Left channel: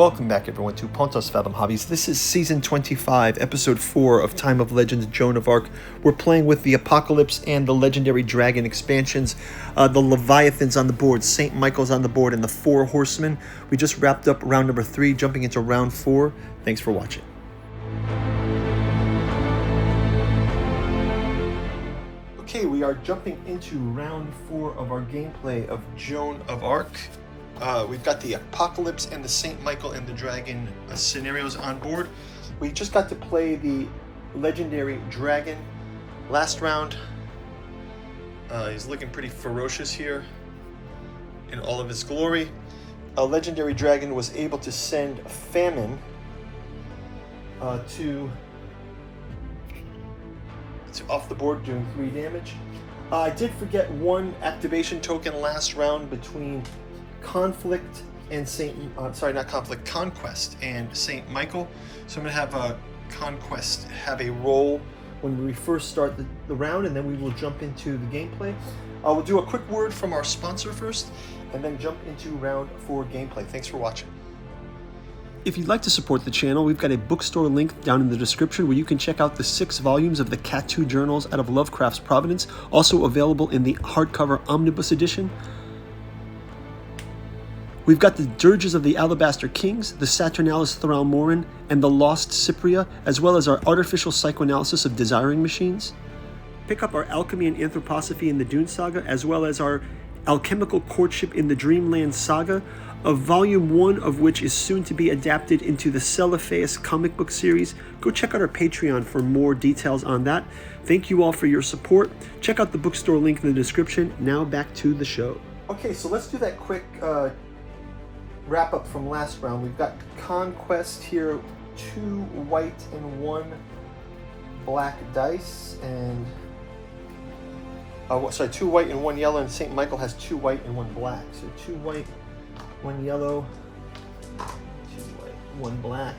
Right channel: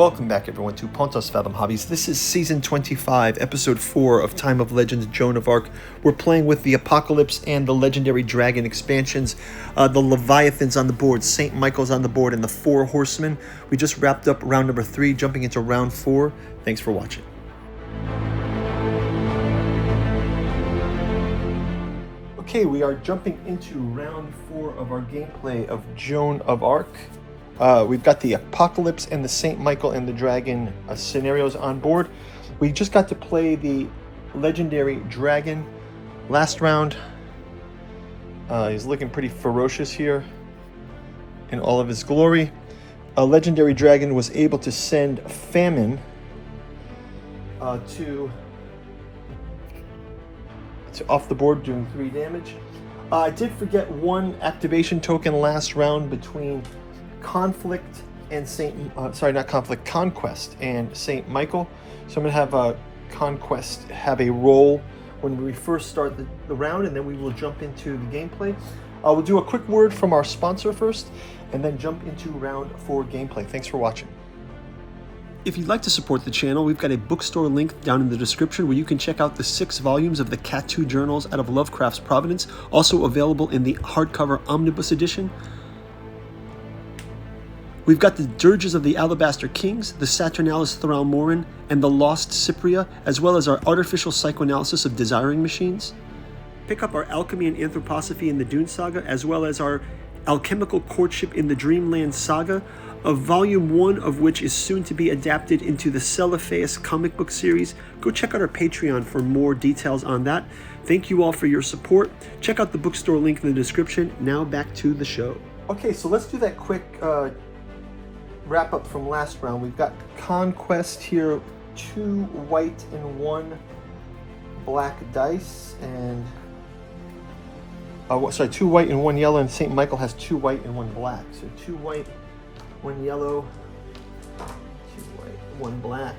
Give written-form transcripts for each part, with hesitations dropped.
Welcome back, everyone, to Pontos Fathom Hobbies. This is Season 25, Episode 4 of Time of Legends, Joan of Arc. We're playing with the Apocalypse and the Legendary Dragon expansions. The Leviathan's on the board, St. Michael's on the board, and the 4 Horsemen. We just wrapped up round number 3, jumping into round 4. Thanks for watching. Okay, we are jumping into round 4 of our gameplay of Joan of Arc. We've got the Apocalypse and the St. Michael and the Dragon scenarios on board. We just got to play the Legendary Dragon last round. He's looking pretty ferocious here in all of his glory. Legendary Dragon was able to send Famine to off the board, doing 3 damage. I did forget one activation token last round between Conquest and St. Michael. So I'm going to have Conquest have a role when we first start the round, and then we will jump into the gameplay. We'll do a quick word from our sponsor first, and then jump into round 4 gameplay. Thanks for watching. If you'd like to support the channel, we've got a bookstore link down in the description where you can check out the 6 volumes of the Cat 2 journals out of Lovecraft's Providence, also available in the hardcover omnibus edition. We've got the Dirges of the Alabaster Kings, the Saturnalis Thralmorin, and the Lost Cypria, as well as our artificial psychoanalysis of desiring machines. Pick up our Alchemy and Anthroposophy in the Dune Saga, as well as our Alchemical Courtship in the Dreamland Saga, of volume 1 of which is soon to be adapted into the Celophaeus comic book series. Go check out our Patreon for more details on that. Thank you all for your support. Check out the bookstore link in the description. Now back to the show. Okay, so let's do that quick wrap up from last round. We've got Conquest here, 2 white and 1 black dice, and 2 white and 1 yellow, and St. Michael has 2 white and 1 black. So 2 white, 1 yellow, 2 white, 1 black.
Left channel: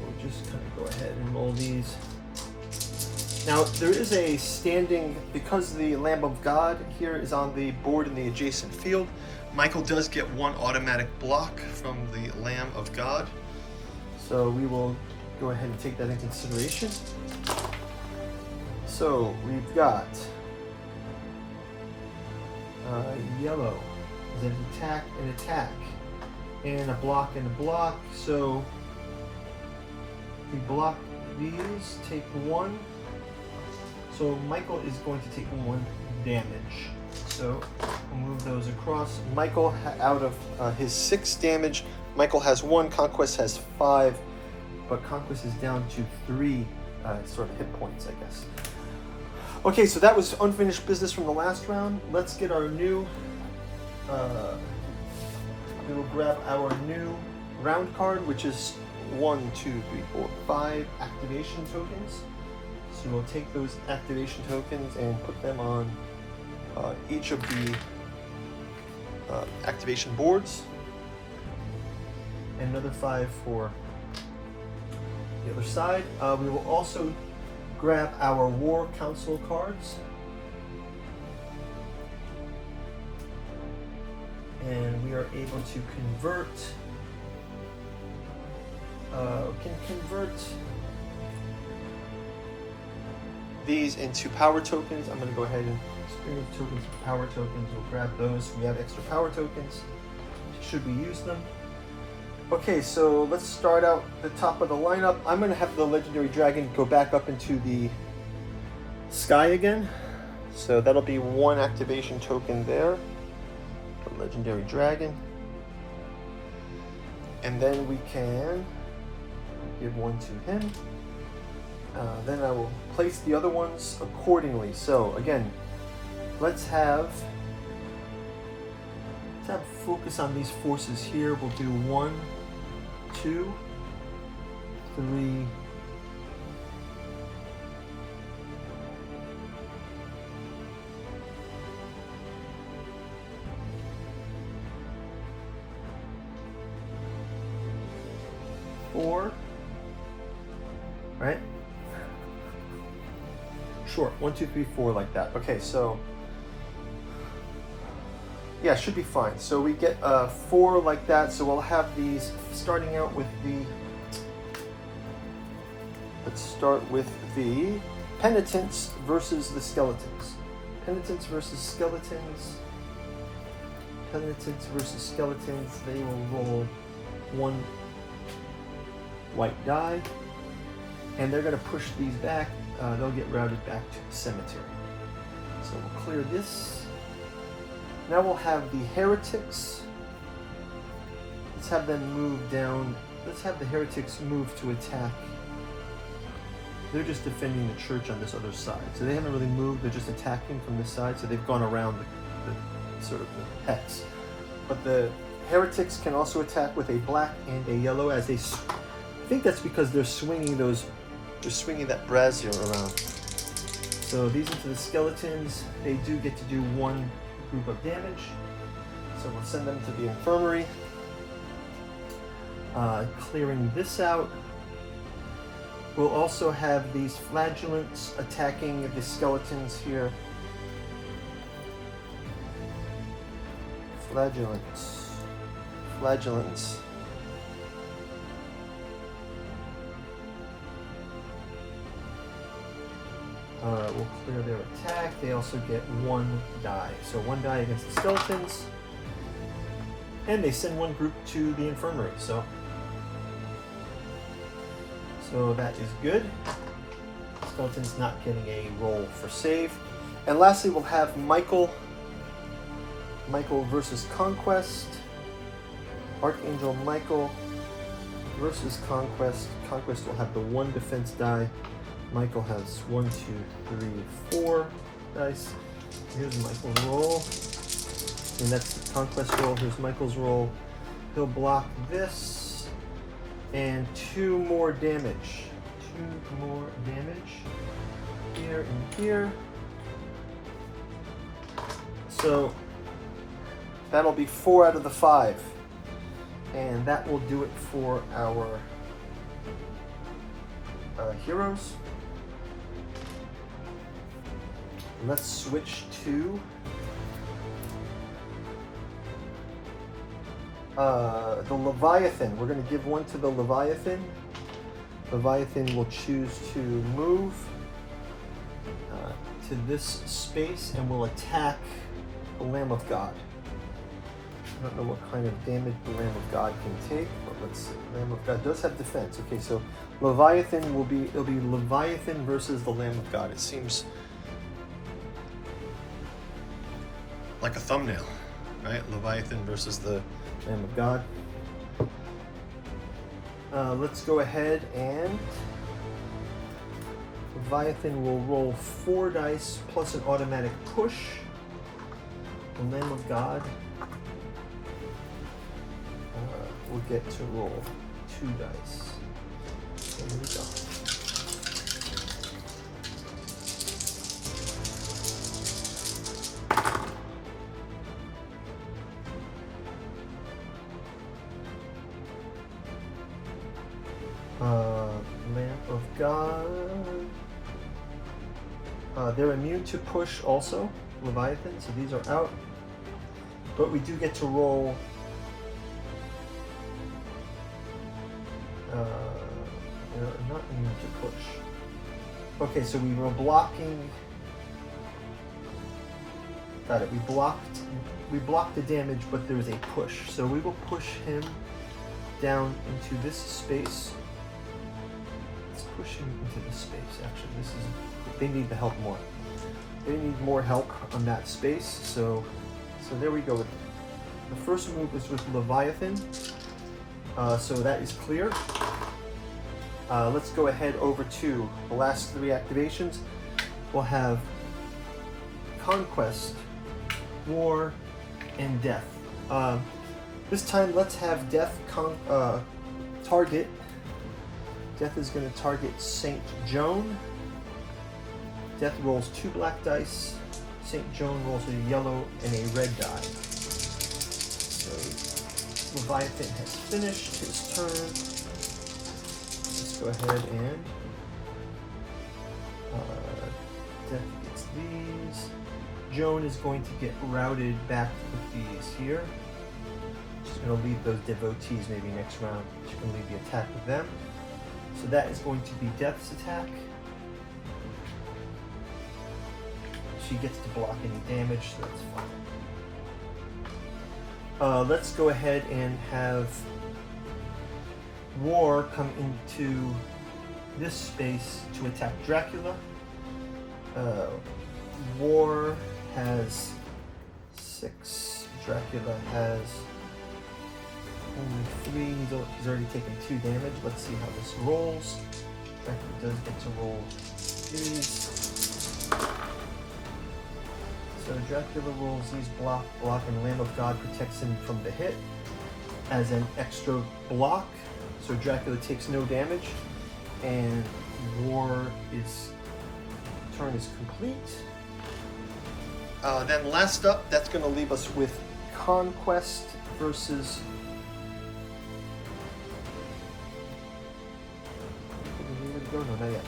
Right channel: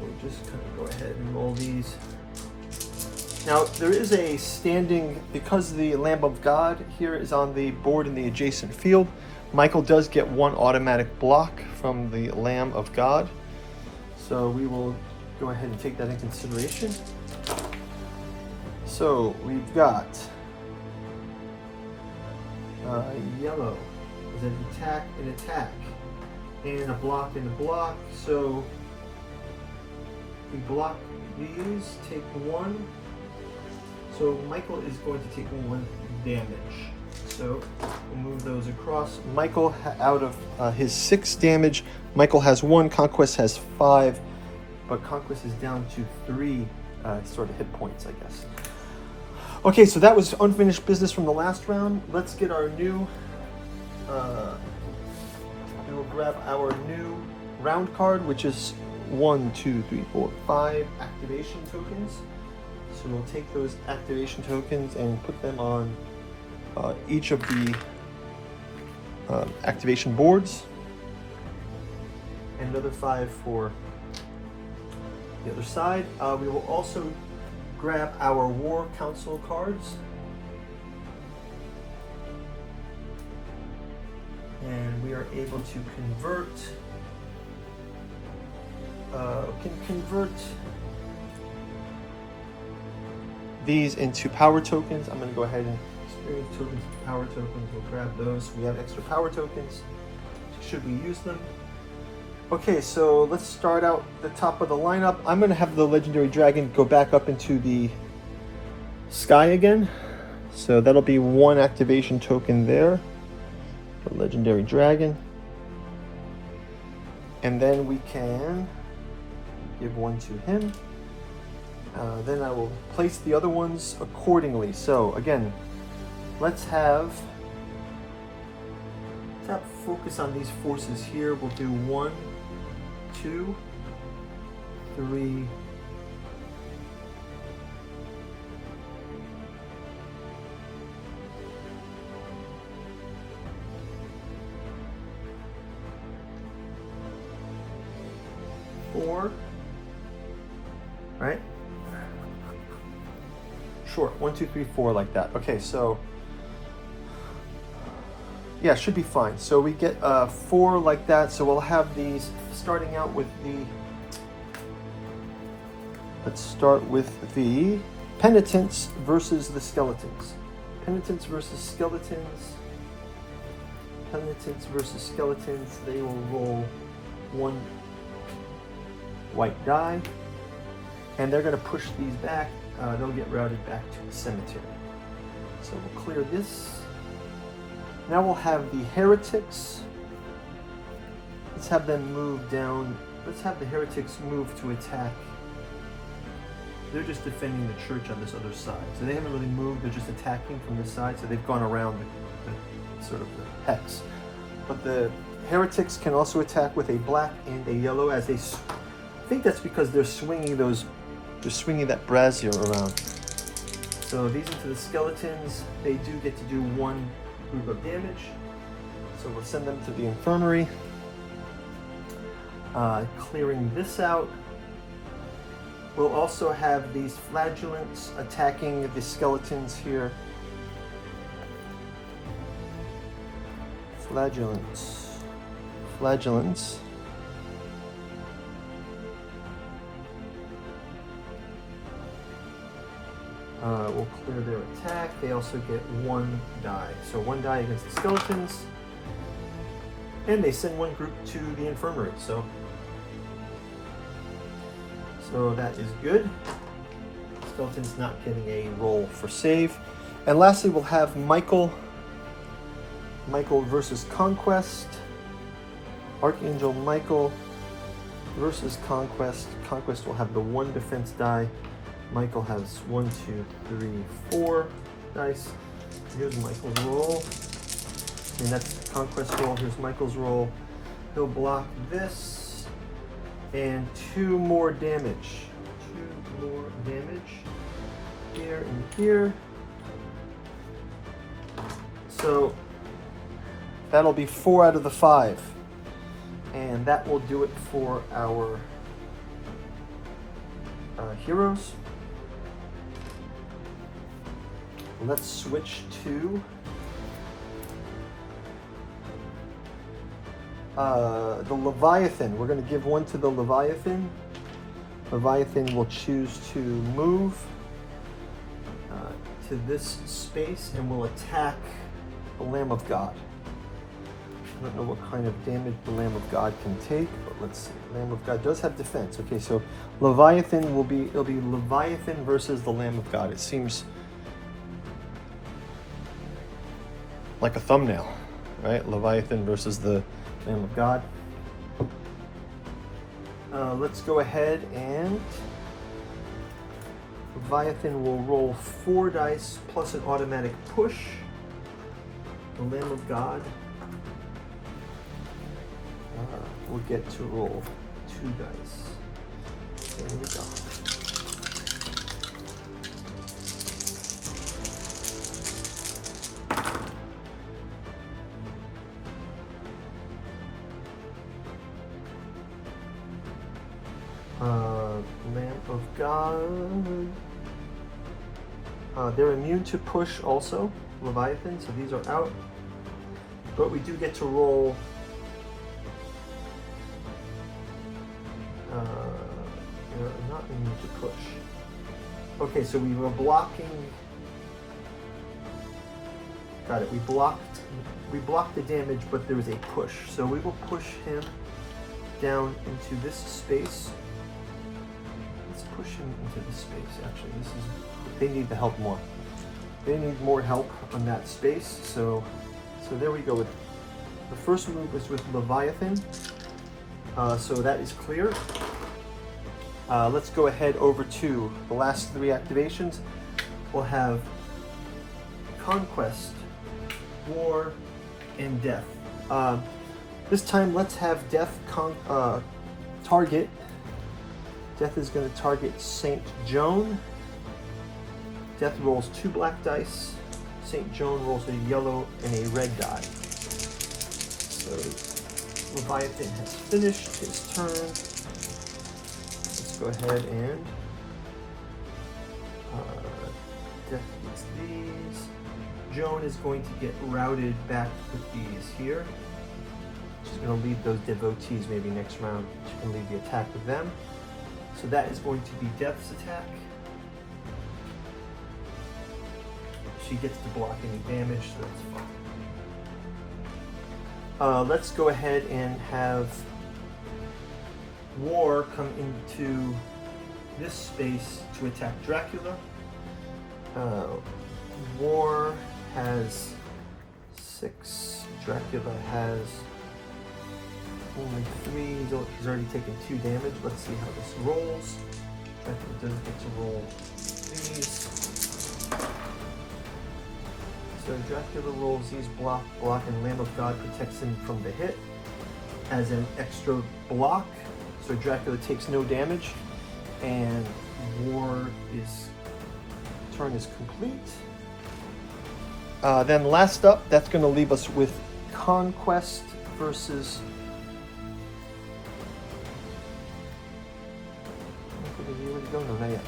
We'll just kind of go ahead and roll these. Now, there is a standing, because the Lamb of God here is on the board in the adjacent field, Michael does get 1 automatic block from the Lamb of God. So we will go ahead and take that into consideration. So we've got yellow is an attack, and a block and a block. So we block these, take 1. So Michael is going to take 1 damage. So we'll move those across. Michael, out of his 6 damage, Michael has 1, Conquest has 5, but Conquest is down to 3 sort of hit points, I guess. Okay, so that was unfinished business from the last round. Let's get our new, we will grab our new round card, which is 1, 2, 3, 4, 5 activation tokens. So we'll take those activation tokens and put them on each of the activation boards, and another 5 for the other side. We will also grab our War Council cards, and we are able to convert these into power tokens. I'm going to go ahead and experience tokens, power tokens. We'll grab those. We have extra power tokens should we use them. Okay, so let's start out the top of the lineup. I'm going to have the Legendary Dragon go back up into the sky again. So that'll be 1 activation token there. The Legendary Dragon. And then we can give 1 to him. Then I will place the other ones accordingly. So again, let's have focus on these forces here. We'll do 1, 2, 3, 4, right? Short, 1, 2, 3, 4, like that. Okay, so Yeah, it should be fine. So we get 4 like that. So we'll have these starting out with the. Let's start with the penitents versus the skeletons. Penitents versus skeletons. Penitents versus skeletons. They will roll 1 white die, and they're going to push these back. They'll get routed back to the cemetery. So we'll clear this. Now we'll have the heretics. Let's have them move down. Let's have the heretics move to attack. They're just defending the church on this other side. So they haven't really moved, they're just attacking from this side. So they've gone around the sort of the hex. But the heretics can also attack with a black and a yellow as they, I think that's because they're swinging that brazier around. So these into the skeletons, they do get to do 1 group of damage. So we'll send them to the infirmary. Clearing this out. We'll also have these flagellants attacking the skeletons here. Flagellants. We'll clear their attack. They also get 1 die. So 1 die against the skeletons. And they send 1 group to the infirmary. So that is good. Skeleton's not getting a roll for save. And lastly, we'll have Michael versus Conquest. Archangel Michael versus Conquest. Conquest will have the 1 defense die. Michael has 1, 2, 3, 4 dice. Here's Michael's roll. And that's the Conquest roll. Here's Michael's roll. He'll block this. And 2 more damage. 2 more damage. Here and here. So that'll be 4 out of the 5. And that will do it for our heroes. Let's switch to the Leviathan. We're going to give 1 to the Leviathan. Leviathan will choose to move to this space and will attack the Lamb of God. I don't know what kind of damage the Lamb of God can take, but let's see. The Lamb of God does have defense. Okay, so Leviathan it'll be Leviathan versus the Lamb of God. It seems like a thumbnail, right? Leviathan versus the Lamb of God. Let's go ahead and Leviathan will roll 4 dice plus an automatic push. The Lamb of God will get to roll 2 dice. So here we go. Lamb of God. They're immune to push also, Leviathan, so these are out. But we do get to roll not immune to push. Okay, so we were blocking. Got it. We blocked the damage, but there was a push. So we will push him down into this space. Let's push him into this space. Actually, they need the help more. They need more help on that space. So there we go. The first move was with Leviathan. So that is clear. Let's go ahead over to the last 3 activations. We'll have Conquest, War, and Death. This time, let's have Death target. Death is going to target Saint Joan. Death rolls 2 black dice. Saint Joan rolls a yellow and a red die. So Leviathan has finished his turn. Let's go ahead and Death gets these. Joan is going to get routed back with these here. She's going to lead those devotees maybe next round. She can lead the attack with them. So that is going to be Death's attack. She gets to block any damage, so that's fine. Let's go ahead and have War come into this space to attack Dracula. War has 6. Dracula has only 3. He's already taken 2 damage. Let's see how this rolls. Dracula does get to roll these. So Dracula rolls these block, and Lamb of God protects him from the hit as an extra block. So Dracula takes no damage, and War is turn is complete. Then last up, that's going to leave us with Conquest versus.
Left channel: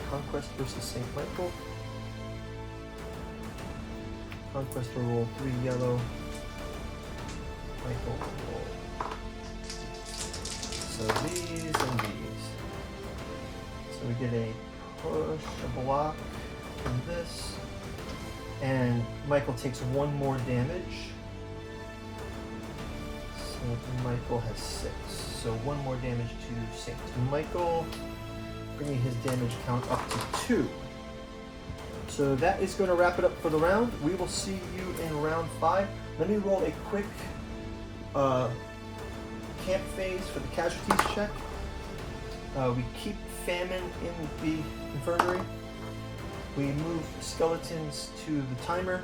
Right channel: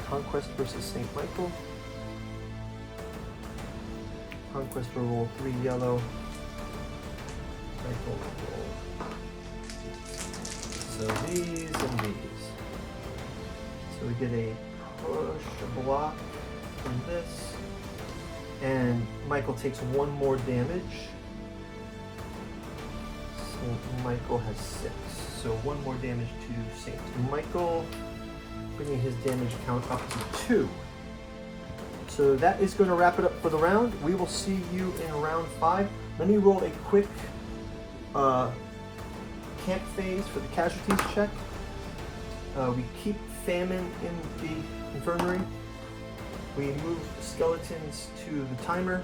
Conquest versus St. Michael. Conquest will roll 3 yellow. Michael will roll. So these and these. So we get a push, a block from this. And Michael takes 1 more damage. St. Michael has 6. So 1 more damage to St. Michael, bringing his damage count up to 2. So that is going to wrap it up for the round. We will see you in round 5. Let me roll a quick camp phase for the casualties check. We keep famine in the infirmary. We move skeletons to the timer.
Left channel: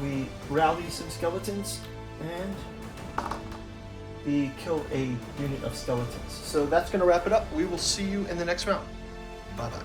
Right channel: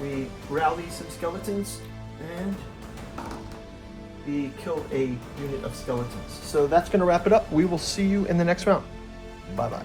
We rally some skeletons, and we kill a unit of skeletons. So that's going to wrap it up. We will see you in the next round. Bye-bye.